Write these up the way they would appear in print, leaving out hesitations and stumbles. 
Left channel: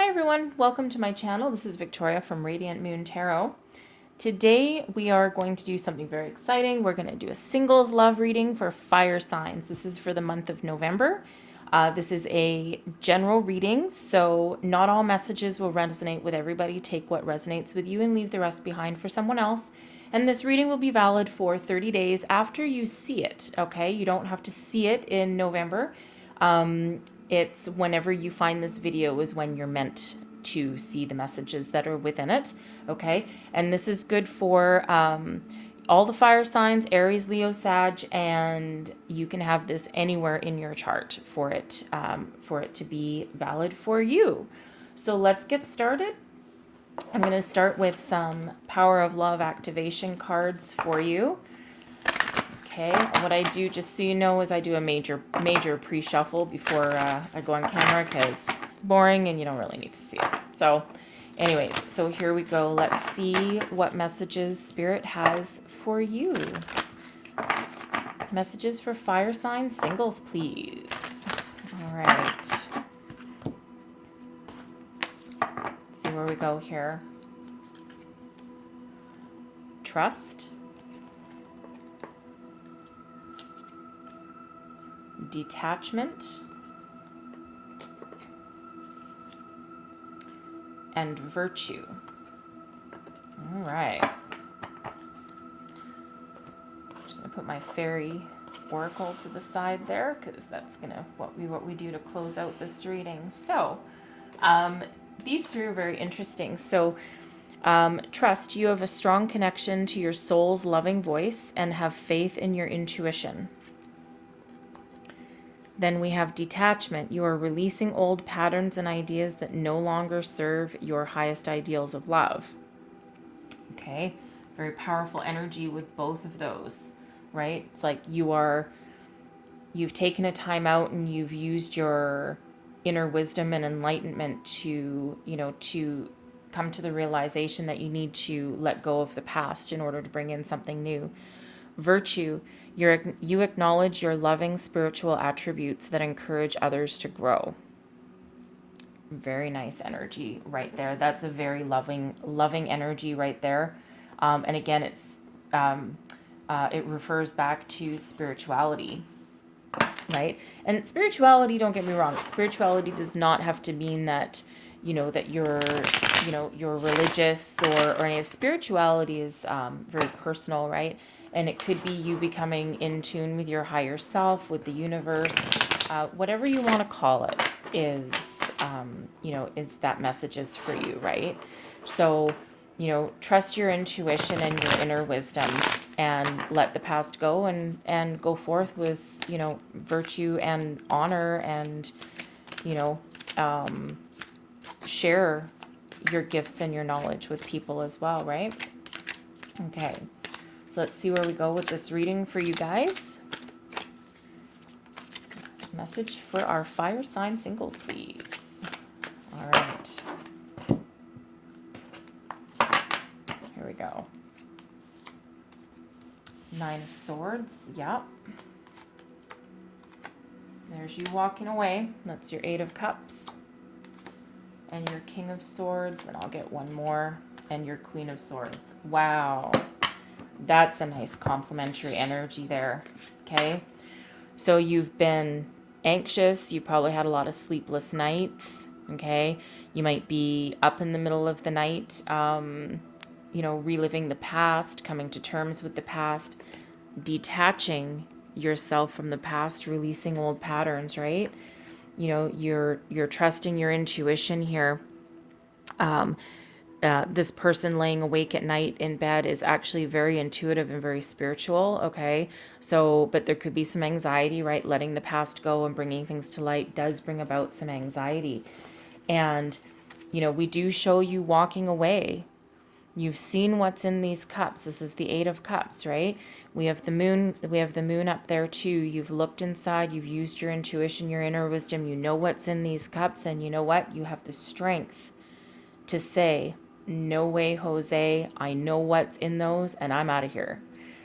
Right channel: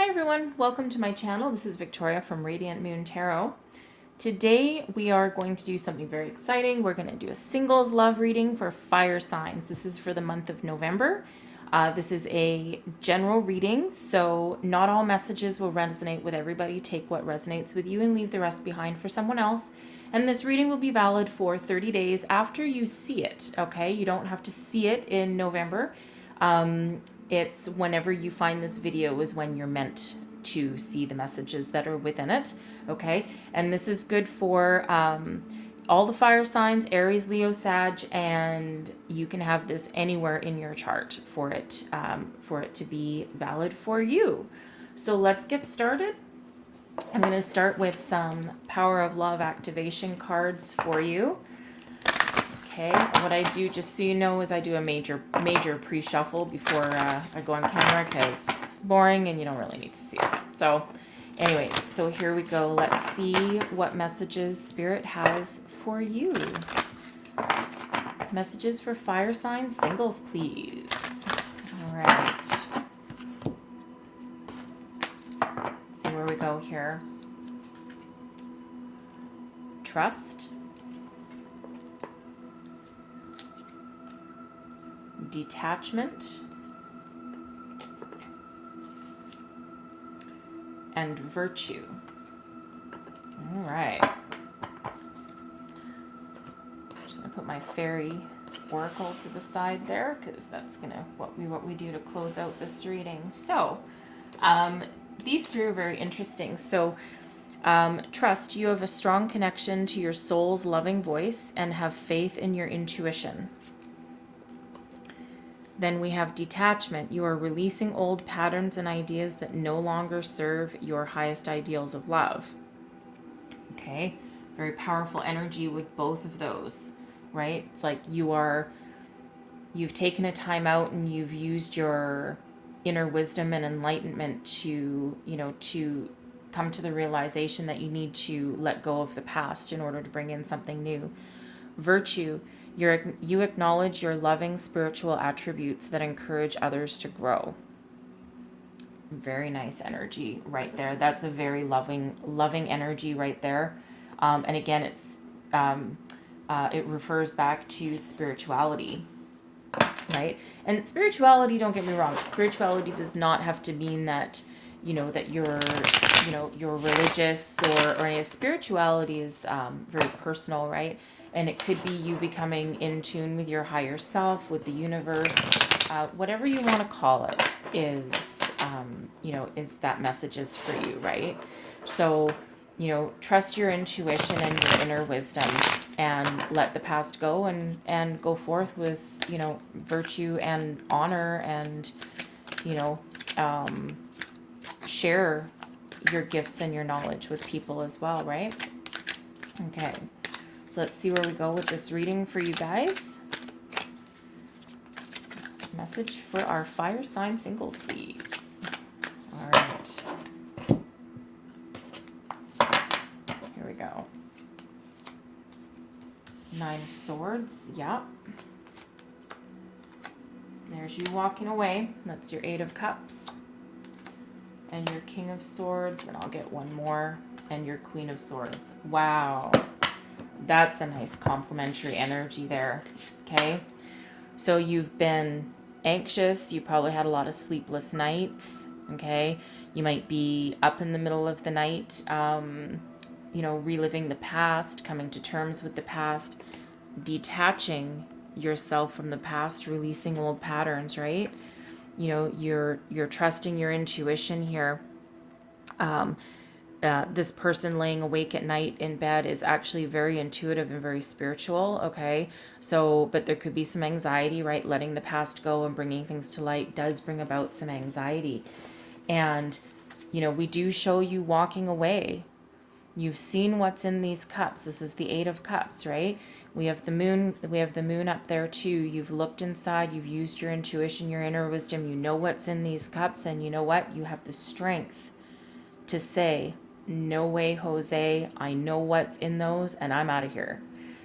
Hi everyone, welcome to my channel. This is Victoria from Radiant Moon Tarot. Today we are going to do something very exciting. We're going to do a singles love reading for fire signs. This is for the month of November. This is a general reading, so not all messages will resonate with everybody. Take what resonates with you and leave the rest behind for someone else. And this reading will be valid for 30 days after you see it, okay? You don't have to see it in November. It's whenever you find this video is when you're meant to see the messages that are within it, okay? And this is good for all the fire signs, Aries, Leo, Sag, and you can have this anywhere in your chart for it to be valid for you. So let's get started. I'm going to start with some Power of Love activation cards for you. Okay, what I do, just so you know, is I do a major pre-shuffle before I go on camera because it's boring and you don't really need to see it. So anyways, so here we go. Let's see what messages Spirit has for you. Messages for fire sign singles, please. All right. See where we go here. Trust. Detachment, and virtue. All right. I'm just going to put my fairy oracle to the side there because that's going to what we do to close out this reading. So these three are very interesting. So trust, you have a strong connection to your soul's loving voice and have faith in your intuition. Then we have detachment. You are releasing old patterns and ideas that no longer serve your highest ideals of love. Okay, very powerful energy with both of those, right? It's like you've taken a time out and you've used your inner wisdom and enlightenment to come to the realization that you need to let go of the past in order to bring in something new. Virtue. You acknowledge your loving spiritual attributes that encourage others to grow. Very nice energy right there. That's a very loving energy right there. And again, it refers back to spirituality, right? And spirituality, don't get me wrong, spirituality does not have to mean that that you're religious or any. Spirituality is very personal, right? And it could be you becoming in tune with your higher self, with the universe, whatever you want to call it is that message is for you, right? So, trust your intuition and your inner wisdom and let the past go and go forth with, virtue and honor and, share your gifts and your knowledge with people as well, right? Okay. So let's see where we go with this reading for you guys. Message for our fire sign singles, please. All right. Here we go. Nine of Swords. Yep. There's you walking away. That's your Eight of Cups. And your King of Swords. And I'll get one more. And your Queen of Swords. Wow. That's a nice complementary energy there, okay? So you've been anxious. You probably had a lot of sleepless nights, okay? You might be up in the middle of the night, reliving the past, coming to terms with the past, detaching yourself from the past, releasing old patterns, right? You're trusting your intuition here. This person laying awake at night in bed is actually very intuitive and very spiritual, okay? So, but there could be some anxiety, right? Letting the past go and bringing things to light does bring about some anxiety. And, we do show you walking away. You've seen what's in these cups. This is the Eight of Cups, right? We have the moon up there too. You've looked inside, you've used your intuition, your inner wisdom. You know what's in these cups, and you know what? You have the strength to say, no way, Jose, I know what's in those and I'm out of here.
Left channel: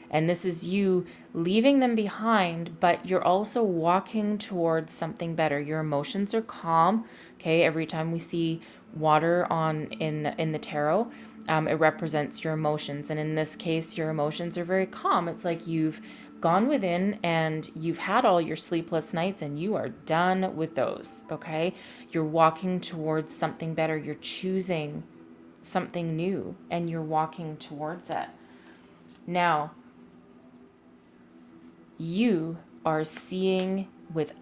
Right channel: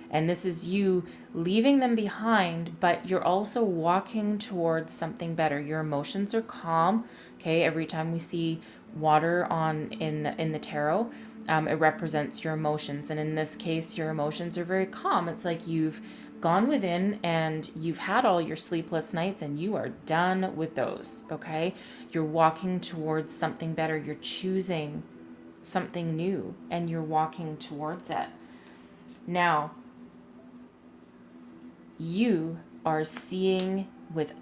And this is you leaving them behind, but you're also walking towards something better. Your emotions are calm. Okay, every time we see water in the tarot, it represents your emotions, and in this case, your emotions are very calm. It's like you've gone within and you've had all your sleepless nights, and you are done with those. Okay, you're walking towards something better. You're choosing something new, and you're walking towards it. Now, you are seeing with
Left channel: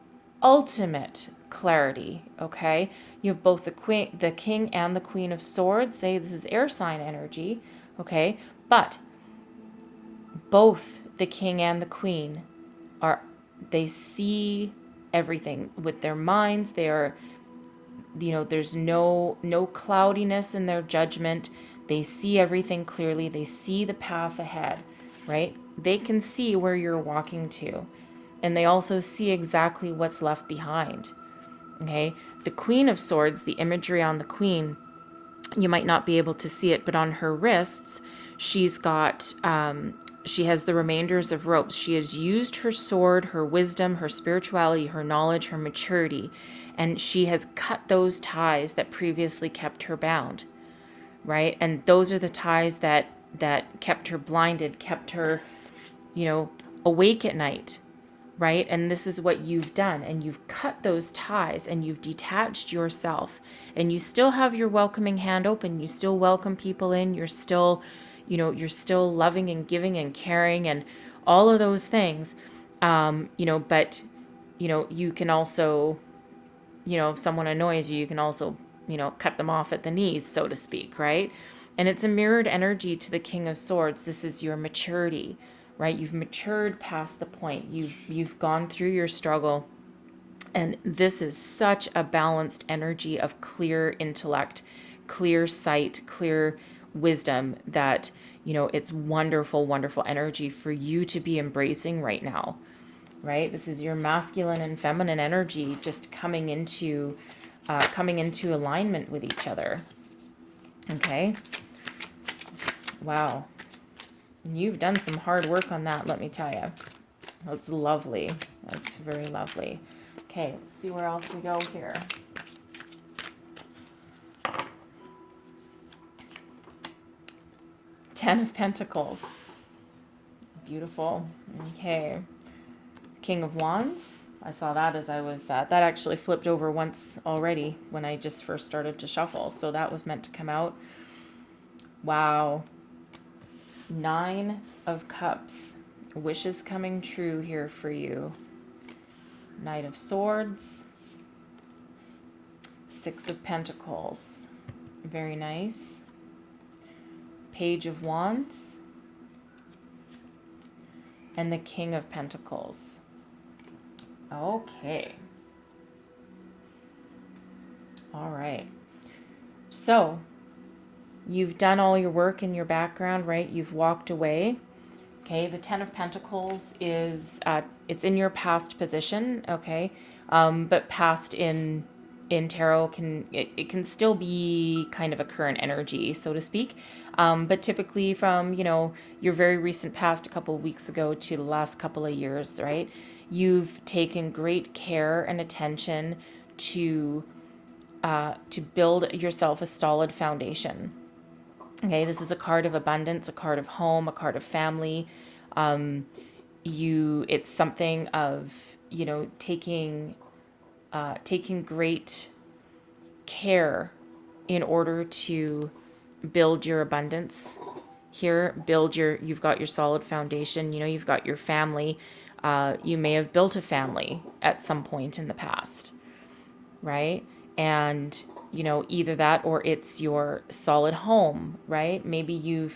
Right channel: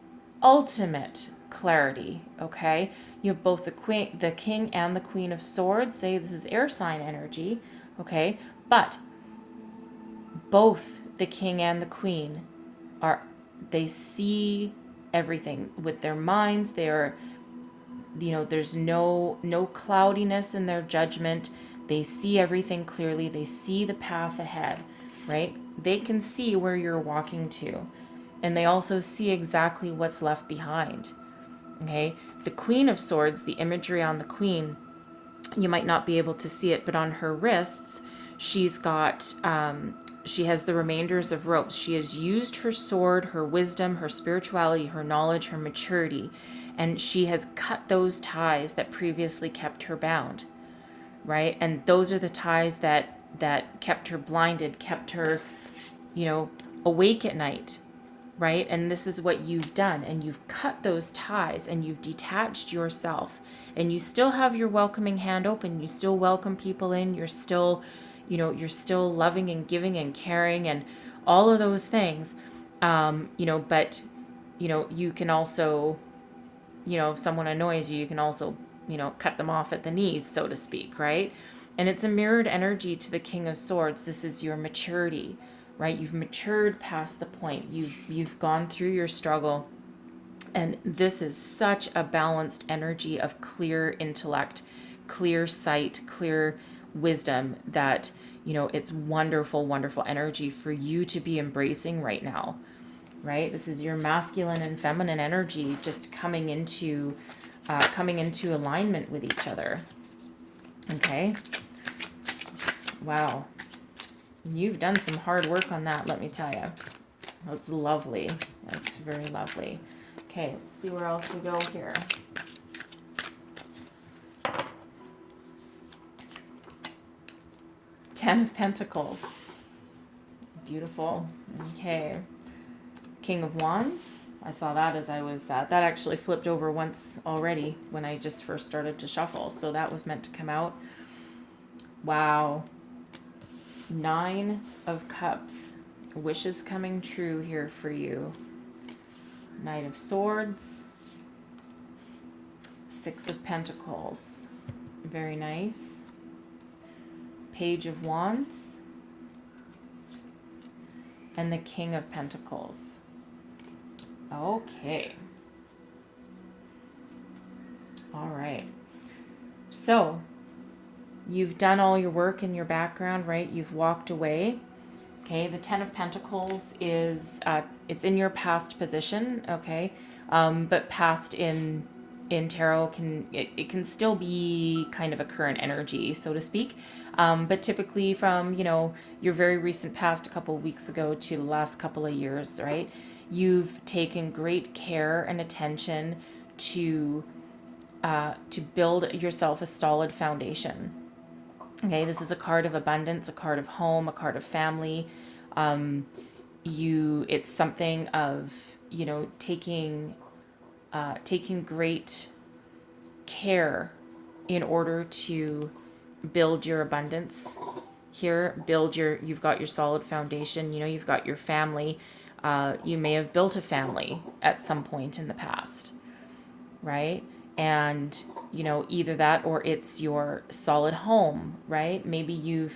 ultimate clarity, okay? You have both the king and the queen of swords. Say this is air sign energy, okay? But both the king and the queen are, they see everything with their minds. They are, there's no cloudiness in their judgment. They see everything clearly. They see the path ahead, right? They can see where you're walking to, and they also see exactly what's left behind. Okay, the Queen of Swords, the imagery on the Queen, you might not be able to see it, but on her wrists, she's got, she has the remainders of ropes. She has used her sword, her wisdom, her spirituality, her knowledge, her maturity, and she has cut those ties that previously kept her bound, right? And those are the ties that kept her blinded, kept her, awake at night, right? And this is what you've done, and you've cut those ties, and you've detached yourself, and you still have your welcoming hand open. You still welcome people in. You're still, you're still loving and giving and caring and all of those things. But, you can also, if someone annoys you, you can also, cut them off at the knees, so to speak, right? And it's a mirrored energy to the King of Swords. This is your maturity, right? You've matured past the point. You've gone through your struggle. And this is such a balanced energy of clear intellect, clear sight, clear wisdom that, it's wonderful, wonderful energy for you to be embracing right now, right? This is your masculine and feminine energy just coming into alignment with each other. Okay. Wow. You've done some hard work on that, let me tell you. That's lovely. That's very lovely. Okay, let's see where else we go here. Ten of Pentacles. Beautiful. Okay. King of Wands. I saw that as I was, that actually flipped over once already when I just first started to shuffle. So that was meant to come out. Wow. Nine of Cups. Wishes coming true here for you. Knight of Swords. Six of Pentacles. Very nice. Page of Wands. And the King of Pentacles. Okay. All right. So, you've done all your work in your background, right? You've walked away. Okay, the Ten of Pentacles is, it's in your past position, okay? But past in tarot it can still be kind of a current energy, so to speak. But typically from, your very recent past, a couple of weeks ago to the last couple of years, right? You've taken great care and attention to build yourself a solid foundation. Okay, this is a card of abundance, a card of home, a card of family. It's something of, taking great care in order to build your abundance here, you've got your solid foundation, you've got your family. You may have built a family at some point in the past, right? And, either that or it's your solid home, right? Maybe you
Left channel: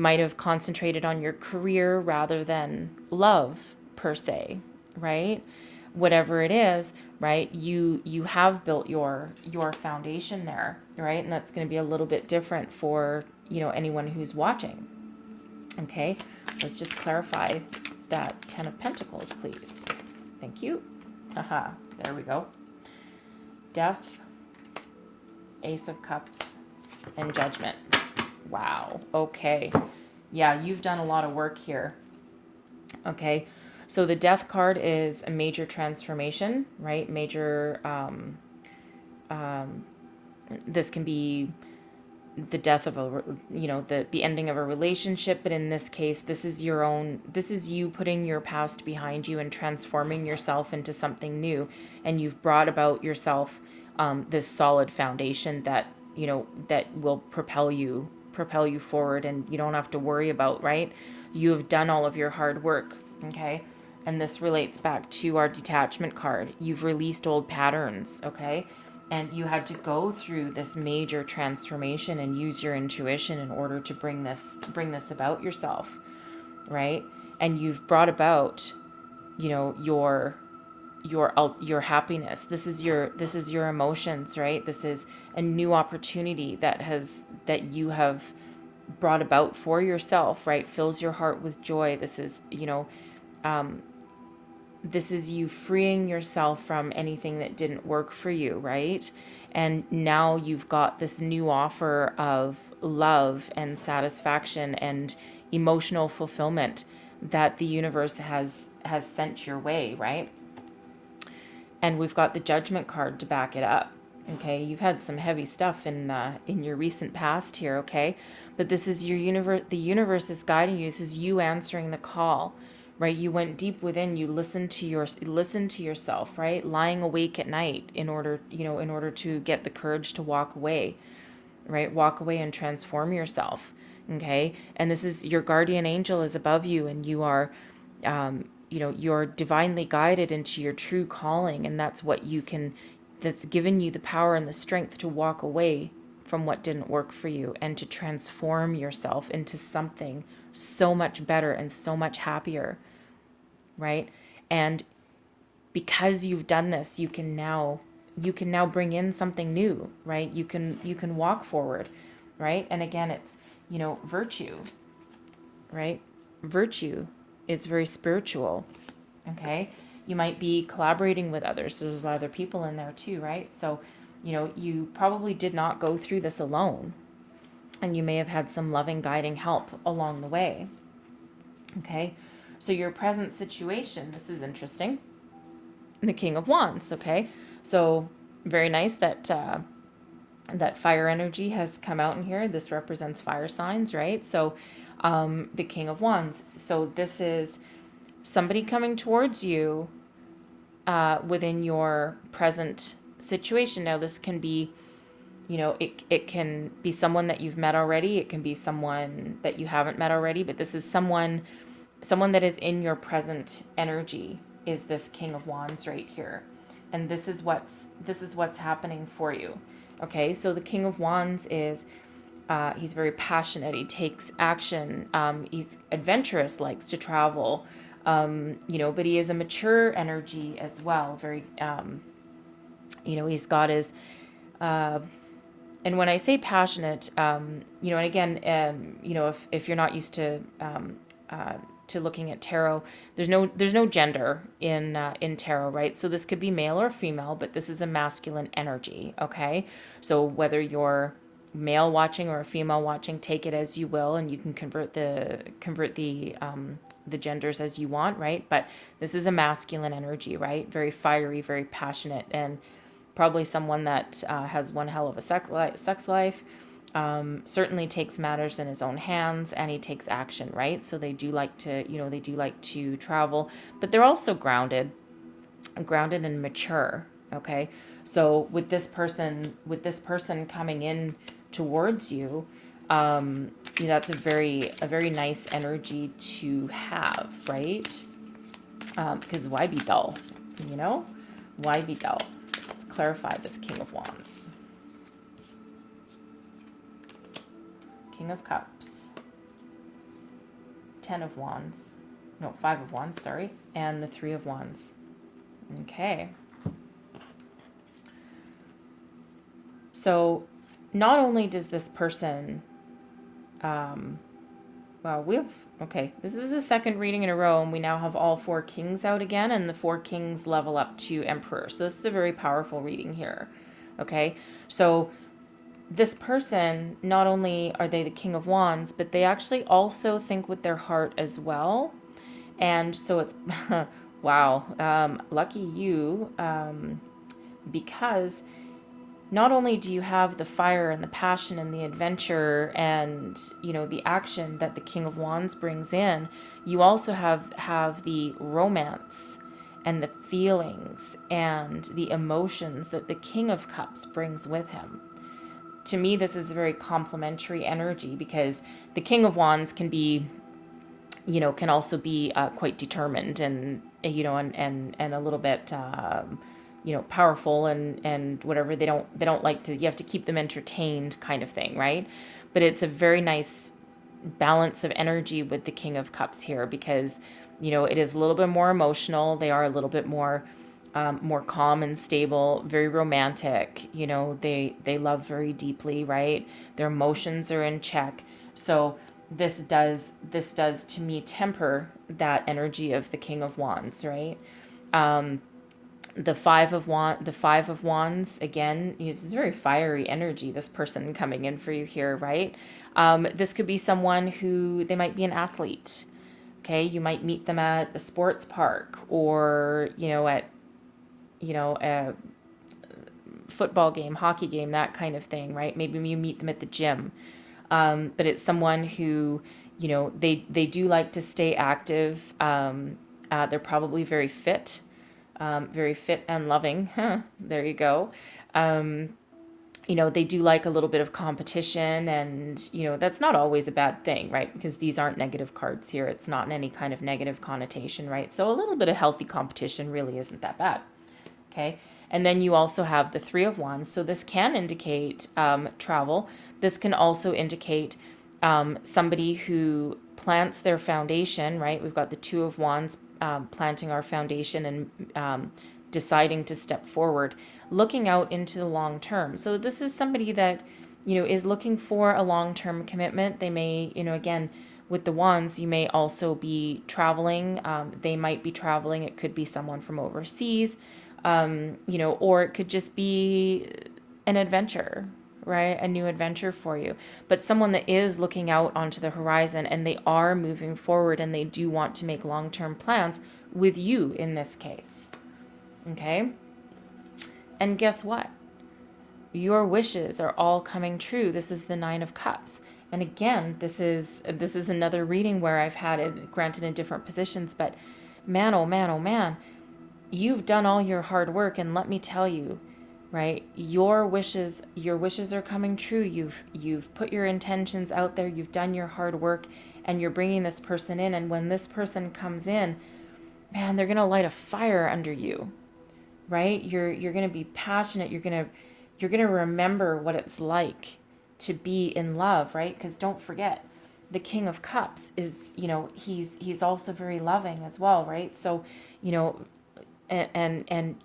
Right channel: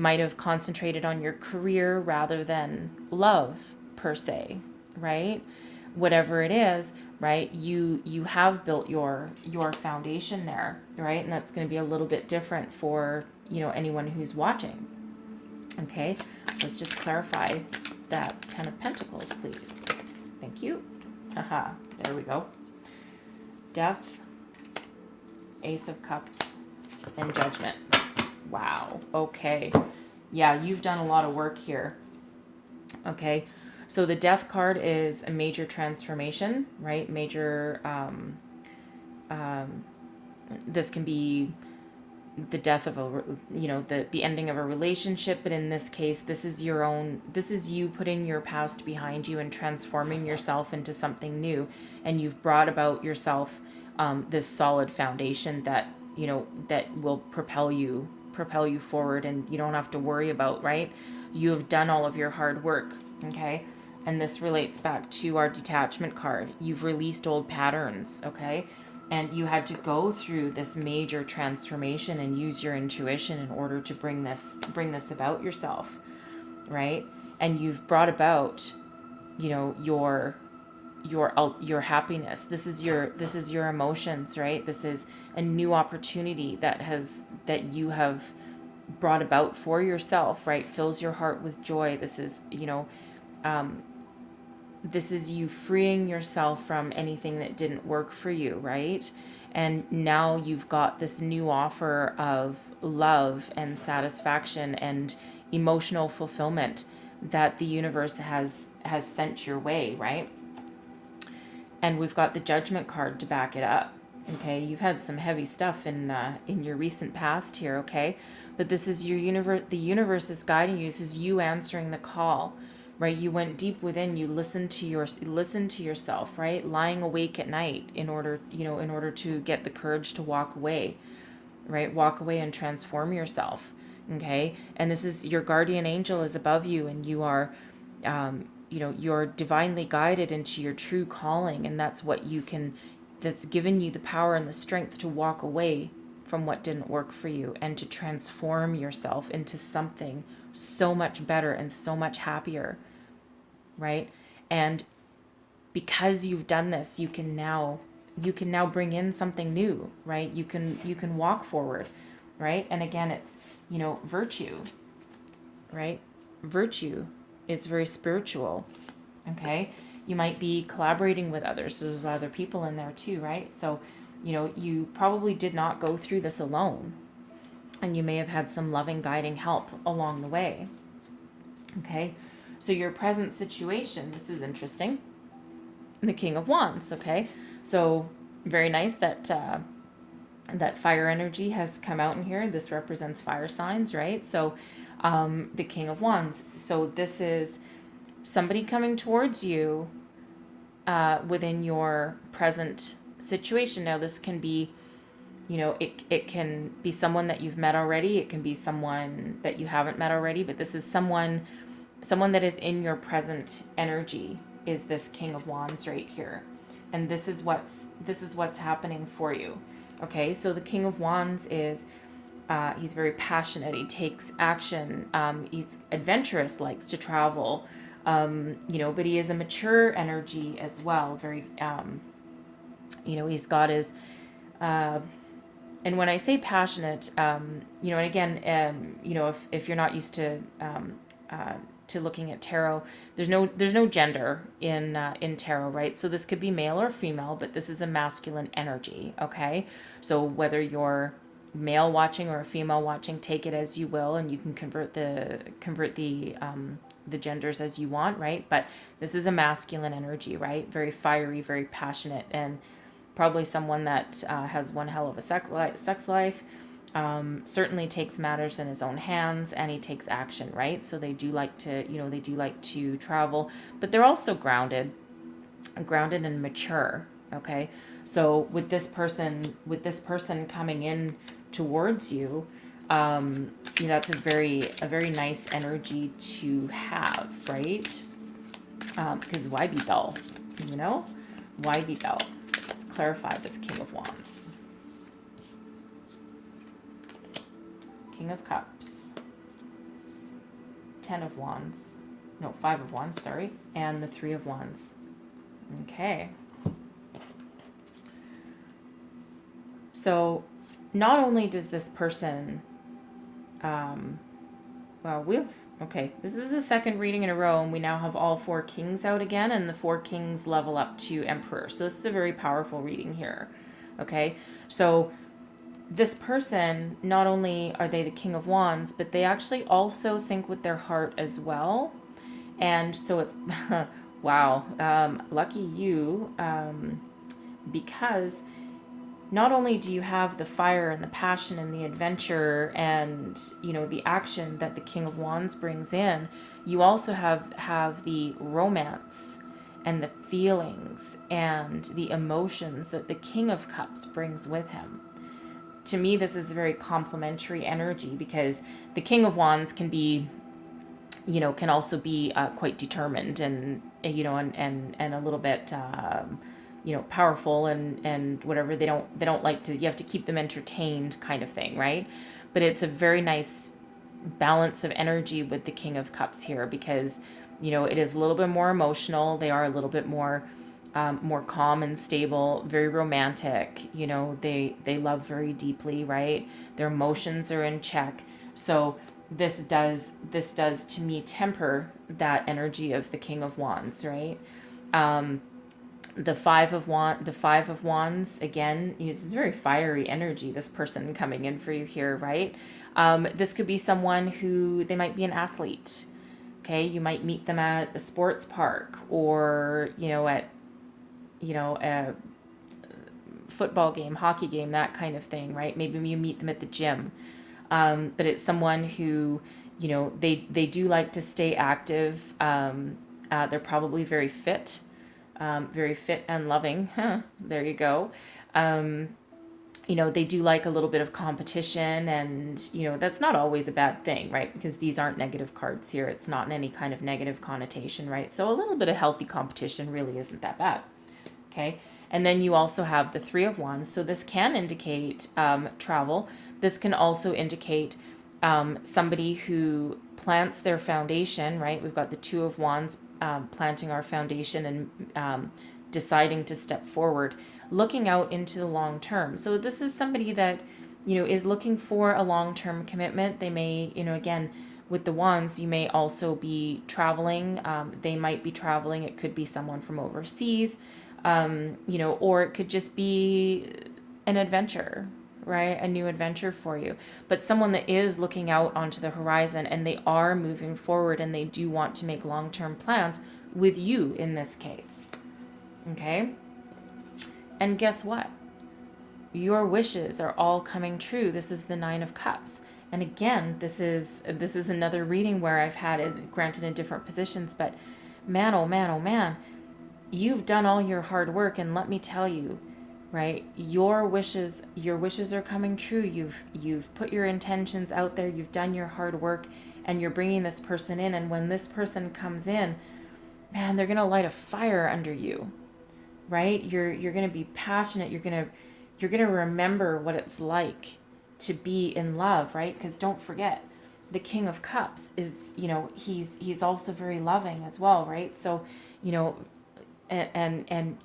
might have concentrated on your career rather than love per se, right? Whatever it is, right? You have built your foundation there, right? And that's going to be a little bit different for, anyone who's watching. Okay, let's just clarify that Ten of Pentacles, please. Thank you. Haha, there we go. Death, Ace of Cups, and Judgment. Wow, okay. Yeah, you've done a lot of work here. Okay, so the Death card is a major transformation, right? Major this can be the death of the ending of a relationship, but in this case, this is you putting your past behind you and transforming yourself into something new, and you've brought about yourself this solid foundation that that will propel you forward, and you don't have to worry about, right? You have done all of your hard work. Okay. And this relates back to our detachment card. You've released old patterns. Okay. And you had to go through this major transformation and use your intuition in order to bring this about yourself, right? And you've brought about your happiness. This is your emotions, right? This is a new opportunity that you have brought about for yourself, right? Fills your heart with joy. This is this is you freeing yourself from anything that didn't work for you, right? And now you've got this new offer of love and satisfaction and emotional fulfillment that the universe has sent your way, right? And we've got the Judgment card to back it up. Okay, you've had some heavy stuff in your recent past here, okay? But this is your universe. The universe is guiding you. This is you answering the call, right? You went deep within. You listened to yourself, right? Lying awake at night in order to get the courage to walk away, right? Walk away and transform yourself. Okay, and this is your guardian angel is above you, and you are you're divinely guided into your true calling, and that's given you the power and the strength to walk away from what didn't work for you and to transform yourself into something so much better and so much happier, right? And because you've done this, you can now bring in something new, right? You can walk forward, right? And again, it's virtue, right? Virtue is very spiritual. Okay, you might be collaborating with others, so there's other people in there too, right? So you probably did not go through this alone, and you may have had some loving guiding help along the way. Okay, so your present situation, this is interesting. The King of Wands. Okay, so very nice that that fire energy has come out in here. This represents fire signs, right? So the King of Wands. So this is somebody coming towards you within your present situation. Now, this can be, it can be someone that you've met already. It can be someone that you haven't met already, but this is someone that is in your present energy, is this King of Wands right here. And this is what's happening for you. Okay, so the King of Wands is he's very passionate. He takes action. He's adventurous, likes to travel. But he is a mature energy as well. Very, he's got his, and when I say passionate, and again, if you're not used to looking at tarot, there's no gender in tarot, right? So this could be male or female, but this is a masculine energy. Okay, so whether you're male watching or a female watching, take it as you will, and you can convert the genders as you want, right? But this is a masculine energy, right? Very fiery, very passionate, and probably someone that has one hell of a sex life. Certainly takes matters in his own hands, and he takes action, right? So they do like to travel, but they're also grounded and mature. Okay, so with this person coming in towards you, that's a very nice energy to have, right? Because why be dull? Why be dull? Let's clarify this King of Wands. King of Cups, 10 of Wands, no, 5 of Wands, sorry, and the 3 of Wands. Okay. So not only does this person, this is the second reading in a row, and we now have all 4 kings out again, and the 4 kings level up to Emperor. So this is a very powerful reading here. Okay, so this person, not only are they the King of Wands, but they actually also think with their heart as well. And so it's, wow, lucky you, because not only do you have the fire and the passion and the adventure and, the action that the King of Wands brings in, you also have the romance and the feelings and the emotions that the King of Cups brings with him. To me, this is a very complementary energy, because the King of Wands can be, can also be quite determined and, and a little bit, powerful and whatever. They don't like to, you have to keep them entertained kind of thing, right? But it's a very nice balance of energy with the King of Cups here, because, it is a little bit more emotional. They are a little bit more calm and stable, very romantic. They love very deeply, right? Their emotions are in check. So this does to me temper that energy of the King of Wands, right? The five of wands again uses very fiery energy. This person coming in for you here, right? This could be someone who, they might be an athlete. Okay, you might meet them at a sports park, or at a football game, hockey game, that kind of thing, right? Maybe you meet them at the gym. But it's someone who, they do like to stay active. They're probably very fit and loving. There you go. They do like a little bit of competition, and, that's not always a bad thing, right? Because these aren't negative cards here. It's not in any kind of negative connotation, right? So a little bit of healthy competition really isn't that bad. Okay. And then you also have the Three of Wands. So this can indicate travel. This can also indicate somebody who plants their foundation, right? We've got the Two of Wands, planting our foundation and deciding to step forward, looking out into the long term. So this is somebody that, is looking for a long-term commitment. They may, again, with the wands, you may also be traveling. They might be traveling. It could be someone from overseas, or it could just be an adventure, right? A new adventure for you. But someone that is looking out onto the horizon, and they are moving forward, and they do want to make long-term plans with you in this case. Okay? And guess what? Your wishes are all coming true. This is the Nine of Cups. And again, this is another reading where I've had it granted in different positions, but man, oh man, oh man, you've done all your hard work, and let me tell you, right? Your wishes are coming true. You've put your intentions out there. You've done your hard work, and you're bringing this person in. And when this person comes in, man, they're going to light a fire under you, right? You're going to be passionate. You're going to remember what it's like to be in love, right? Because don't forget, the King of Cups is, he's also very loving as well, right? So, and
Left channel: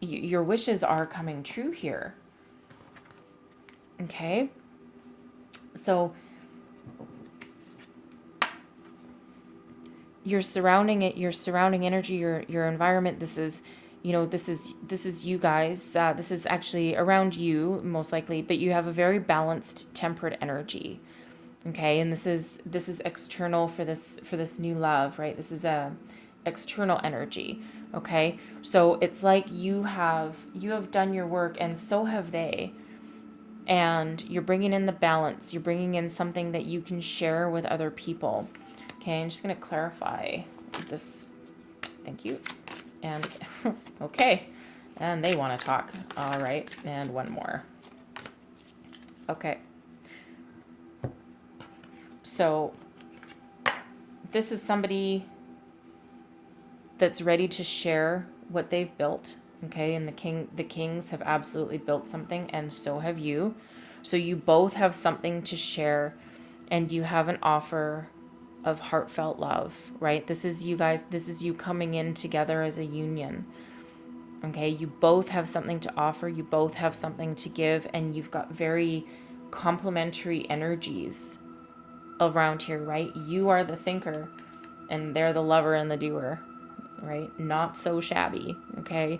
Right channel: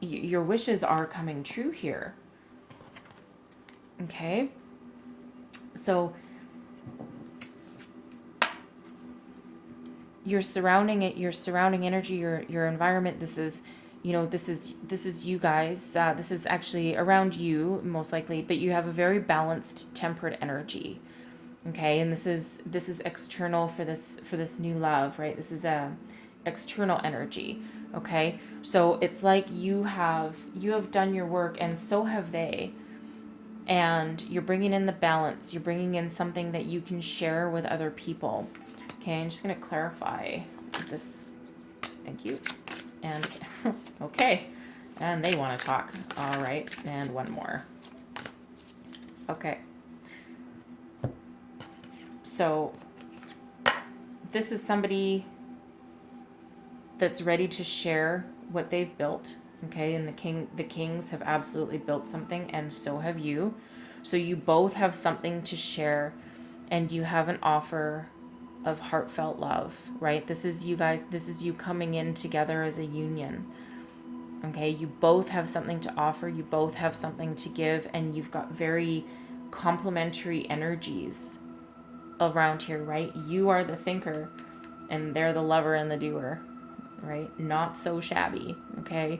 your wishes are coming true here. Okay? So your surrounding energy, your environment, this is you guys, this is actually around you most likely, but you have a very balanced, tempered energy. Okay? And this is external for this new love, right? This is a external energy. Okay? So it's like you have done your work, and so have they. And you're bringing in the balance. You're bringing in something that you can share with other people. Okay, I'm just going to clarify this. Thank you. And okay. And they want to talk. All right. And one more. Okay. So this is somebody that's ready to share what they've built. Okay, and the kings have absolutely built something, and so have you. So you both have something to share, and you have an offer of heartfelt love, right? This is you guys, this is you coming in together as a union. Okay, you both have something to offer, you both have something to give, and you've got very complementary energies around here, right? You are the thinker, and they're the lover and the doer, right? Not so shabby, okay?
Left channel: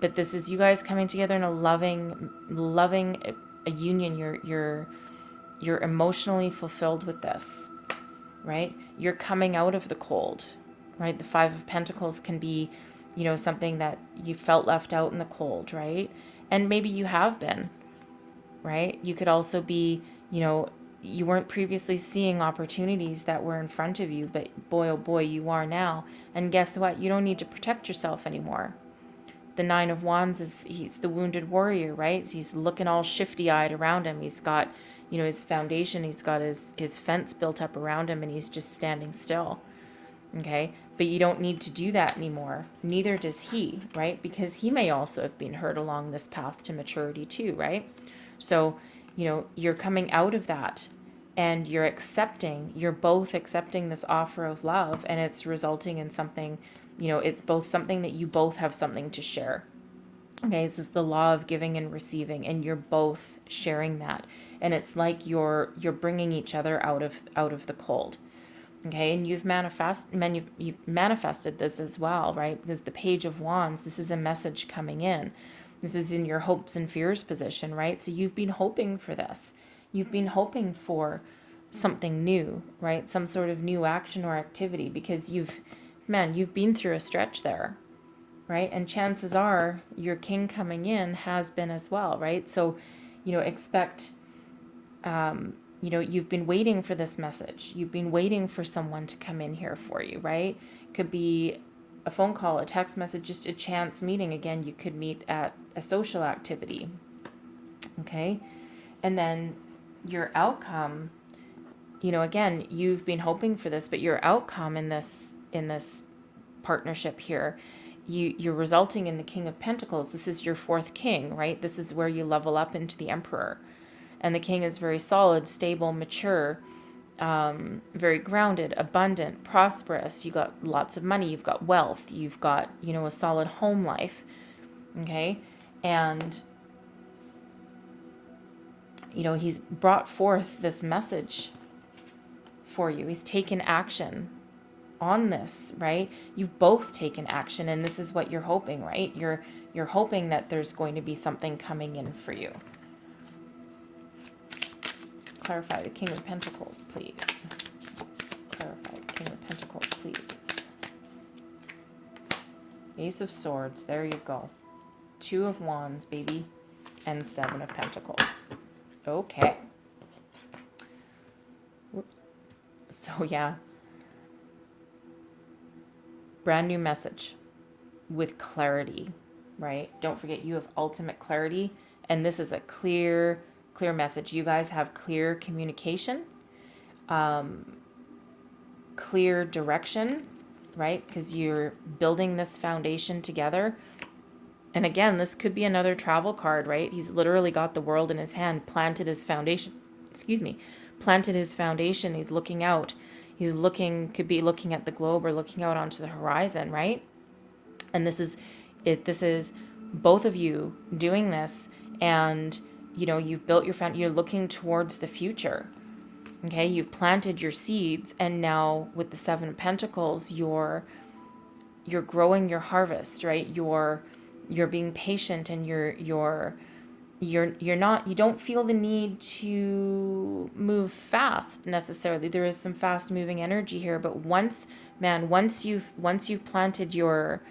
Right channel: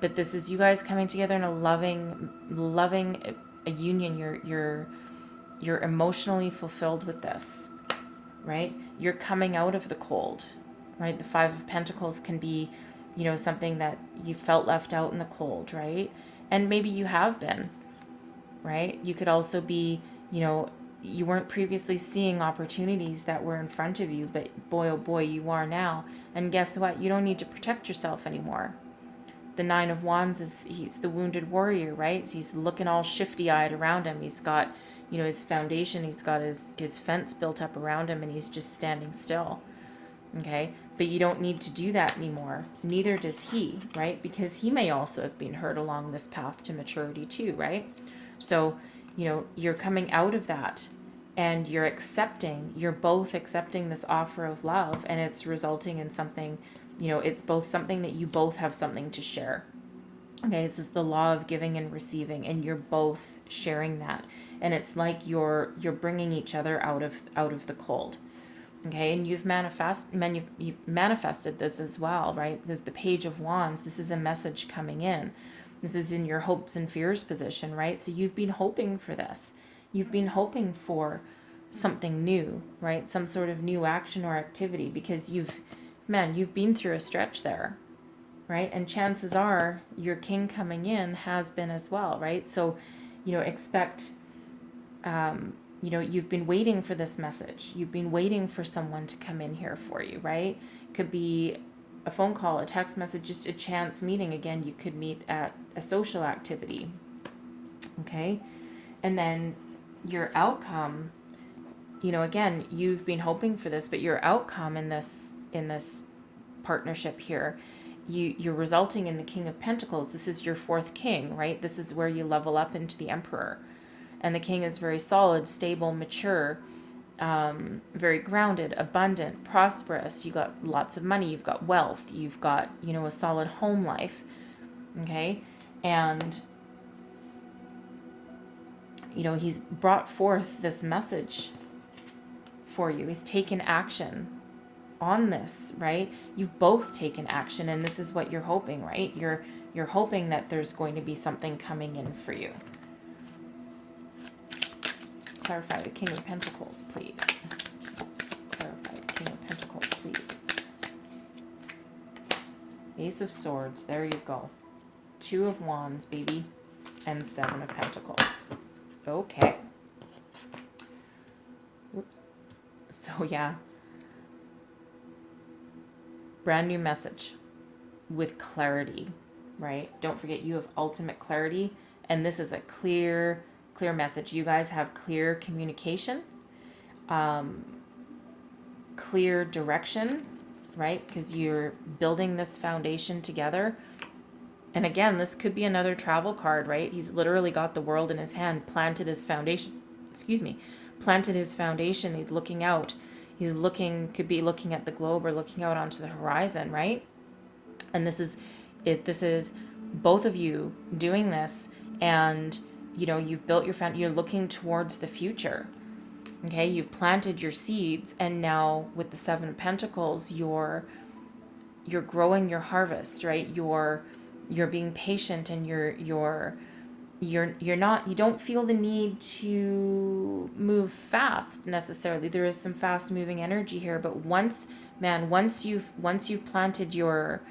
But this is you guys coming together in a loving a union. You're emotionally fulfilled with this, right? You're coming out of the cold, right? The Five of Pentacles can be, something that you felt left out in the cold, right? And maybe you have been, right? You could also be, you know, you weren't previously seeing opportunities that were in front of you, but boy, oh boy, you are now. And guess what? You don't need to protect yourself anymore. The Nine of Wands is, he's the wounded warrior, right? He's looking all shifty-eyed around him. He's got, you know, his foundation, he's got his fence built up around him, and he's just standing still. Okay, but you don't need to do that anymore. Neither does he, right? Because he may also have been hurt along this path to maturity too, right? So, you know, you're coming out of that, and you're both accepting this offer of love, and it's resulting in something, you know, it's both something that you both have something to share. Okay, this is the law of giving and receiving, and you're both sharing that. And it's like you're bringing each other out of the cold. Okay, and you've manifested this as well, right? Because the Page of Wands, this is a message coming in. This is in your hopes and fears position, right? So you've been hoping for this. You've been hoping for something new, right? Some sort of new action or activity, because you've been through a stretch there, right? And chances are your king coming in has been as well, right? So, you know, expect you know, you've been waiting for this message. You've been waiting for someone to come in here for you, right? Could be a phone call, a text message, just a chance meeting. Again, you could meet at a social activity. Okay? And then your outcome, you know, again, you've been hoping for this, but your outcome in this partnership here, you're resulting in the King of Pentacles. This is your fourth king, right? This is where you level up into the Emperor. And the king is very solid, stable, mature, very grounded, abundant, prosperous. You got lots of money. You've got wealth. You've got, you know, a solid home life. Okay? And, you know, he's brought forth this message for you. He's taken action on this, right? You've both taken action, and this is what you're hoping, right? You're hoping that there's going to be something coming in for you. Clarify the King of Pentacles, please. Clarify the King of Pentacles, please. Ace of Swords, there you go. Two of Wands, baby. And Seven of Pentacles. Okay. Whoops. So, yeah. Brand new message with clarity, right? Don't forget, you have ultimate clarity, and this is a clear message. You guys have clear communication, clear direction, right? Because you're building this foundation together. And again, this could be another travel card, right? He's literally got the world in his hand, planted his foundation. Planted his foundation. He's looking out. Could be looking at the globe or looking out onto the horizon, right? And this is it. This is both of you doing this, and you know, you've built your foundation. You're looking towards the future. Okay, you've planted your seeds, and now with the Seven of Pentacles, you're growing your harvest, right? You're being patient, and you're not, you don't feel the need to move fast necessarily. There is some fast moving energy here, but once you've planted your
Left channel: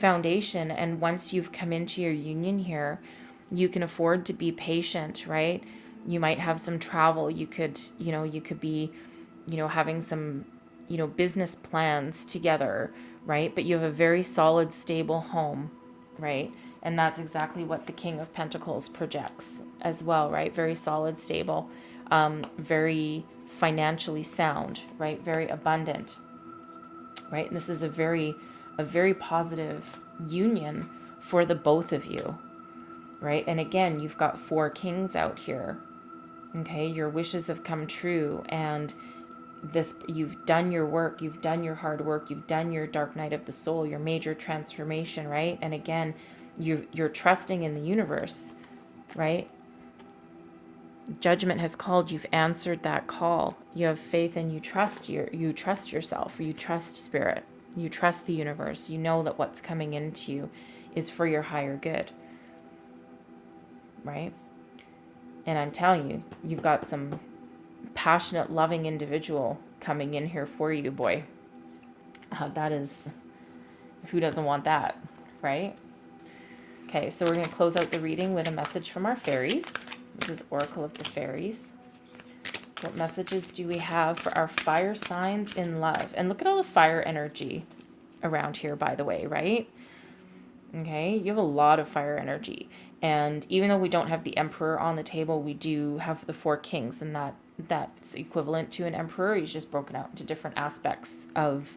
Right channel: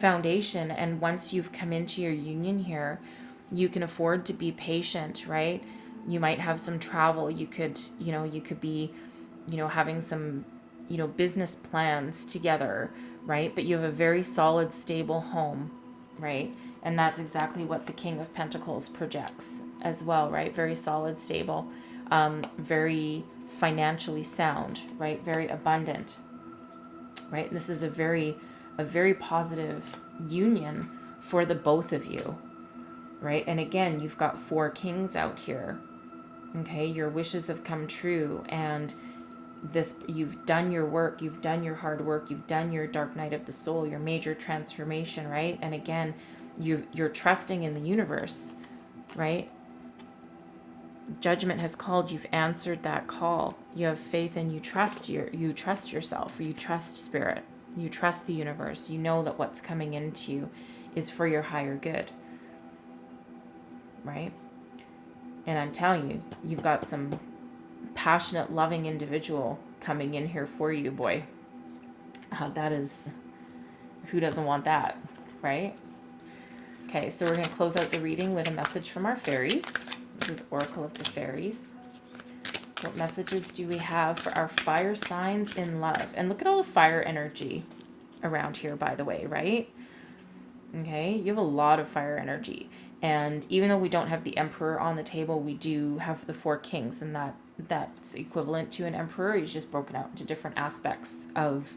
foundation, and once you've come into your union here, you can afford to be patient, right? You might have some travel. You could be, having some, business plans together, right? But you have a very solid, stable home, right? And that's exactly what the King of Pentacles projects as well, right? Very solid, stable, very financially sound, right? Very abundant, right? And this is a very positive union for the both of you, right? And again, you've got four kings out here. Okay, your wishes have come true, and you've done your work, you've done your hard work, you've done your dark night of the soul, your major transformation, right? And again, you're trusting in the universe, right? Judgment has called. You've answered that call. You have faith, and you trust yourself, or you trust spirit, you trust the universe. You know that what's coming into you is for your higher good, right? And I'm telling you, you've got some passionate, loving individual coming in here for you, boy. That is, who doesn't want that, right? Okay, so we're going to close out the reading with a message from our fairies. This is Oracle of the Fairies. What messages do we have for our fire signs in love? And look at all the fire energy around here, by the way, right? Okay, you have a lot of fire energy. And even though we don't have the Emperor on the table, we do have the Four Kings, and that's equivalent to an Emperor. He's just broken out into different aspects of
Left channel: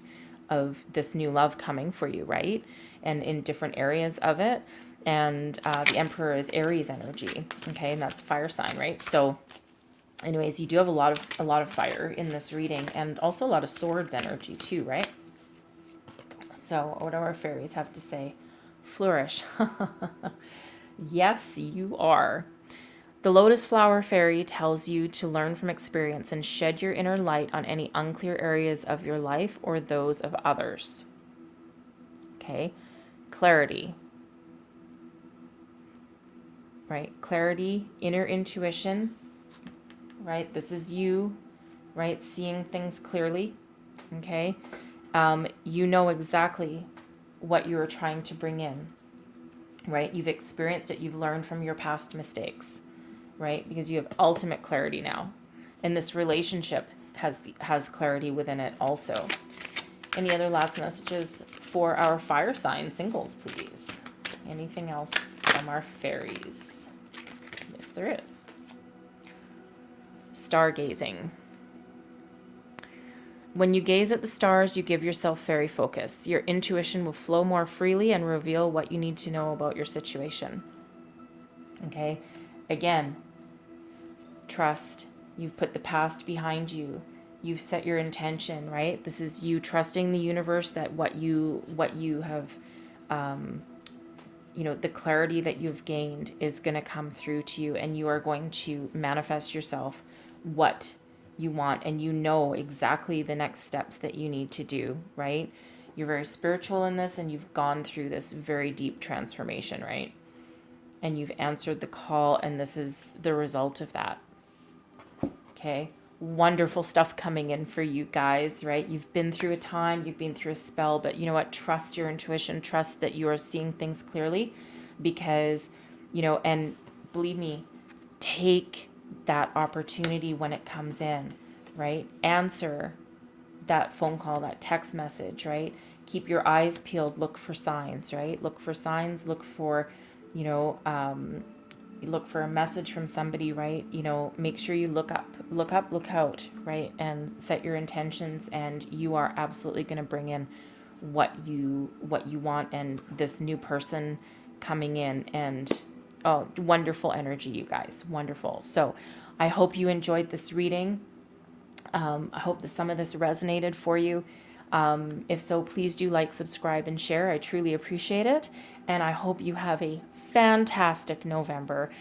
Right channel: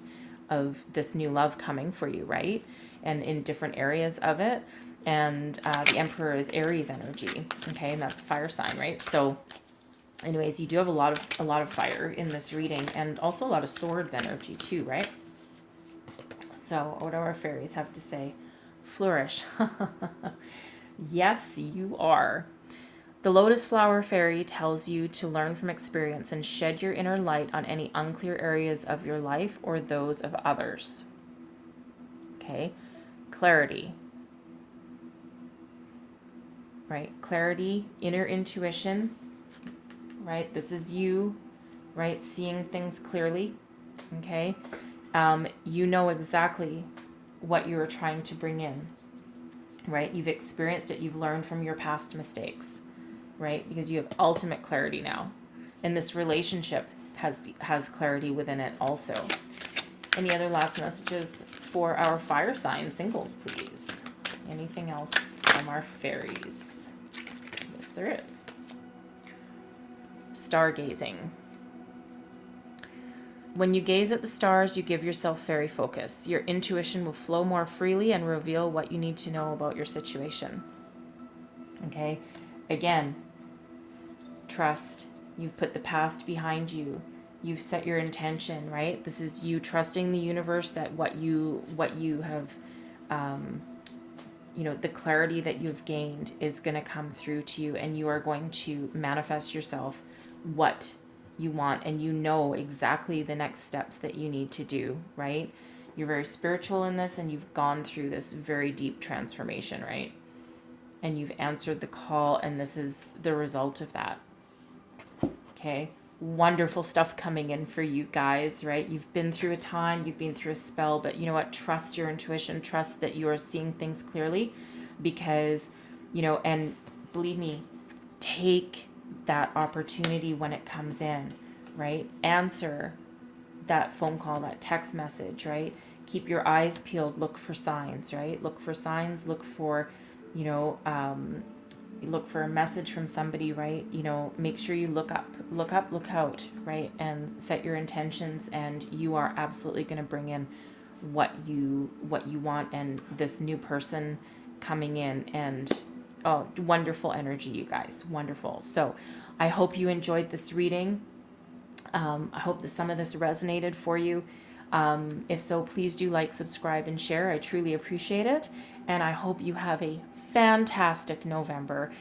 this new love coming for you, right? And in different areas of it. And the Emperor is Aries energy, okay, and that's fire sign, right? So anyways, you do have a lot of fire in this reading, and also a lot of swords energy too, right? So what do our fairies have to say? Flourish. Yes, you are. The Lotus Flower Fairy tells you to learn from experience and shed your inner light on any unclear areas of your life or those of others. Okay. Clarity. Right? Clarity, inner intuition. Right? This is you, right? Seeing things clearly. Okay. You know exactly what you are trying to bring in. Right? You've experienced it. You've learned from your past mistakes, right? Because you have ultimate clarity now. And this relationship has clarity within it also. Any other last messages for our fire sign singles, please? Anything else from our fairies? Yes, there is. Stargazing. When you gaze at the stars, you give yourself fairy focus. Your intuition will flow more freely and reveal what you need to know about your situation. Okay? Again, trust. You've put the past behind you. You've set your intention, right? This is you trusting the universe that what you have, the clarity that you've gained is going to come through to you, and you are going to manifest yourself what you want, and you know exactly the next steps that you need to do, right? You're very spiritual in this, and you've gone through this very deep transformation, right? And you've answered the call, and this is the result of that. Okay, wonderful stuff coming in for you guys, right? You've been through a time, you've been through a spell, but you know what? Trust your intuition, trust that you are seeing things clearly, because, and believe me, take that opportunity when it comes in, right? Answer that phone call, that text message, right? Keep your eyes peeled, look for signs, right? Look for signs, look for, look for a message from somebody, right? Make sure you look up, look out, right? And set your intentions, and you are absolutely going to bring in what you want, and this new person coming in, and oh, wonderful energy, you guys, wonderful. So I hope you enjoyed this reading. I hope that some of this resonated for you. If so, please do like, subscribe, and share. I truly appreciate it. And I hope you have a fantastic November,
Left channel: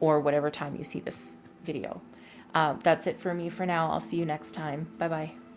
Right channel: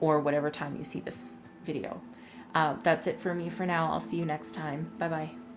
or whatever time you see this video. That's it for me for now. I'll see you next time. Bye-bye.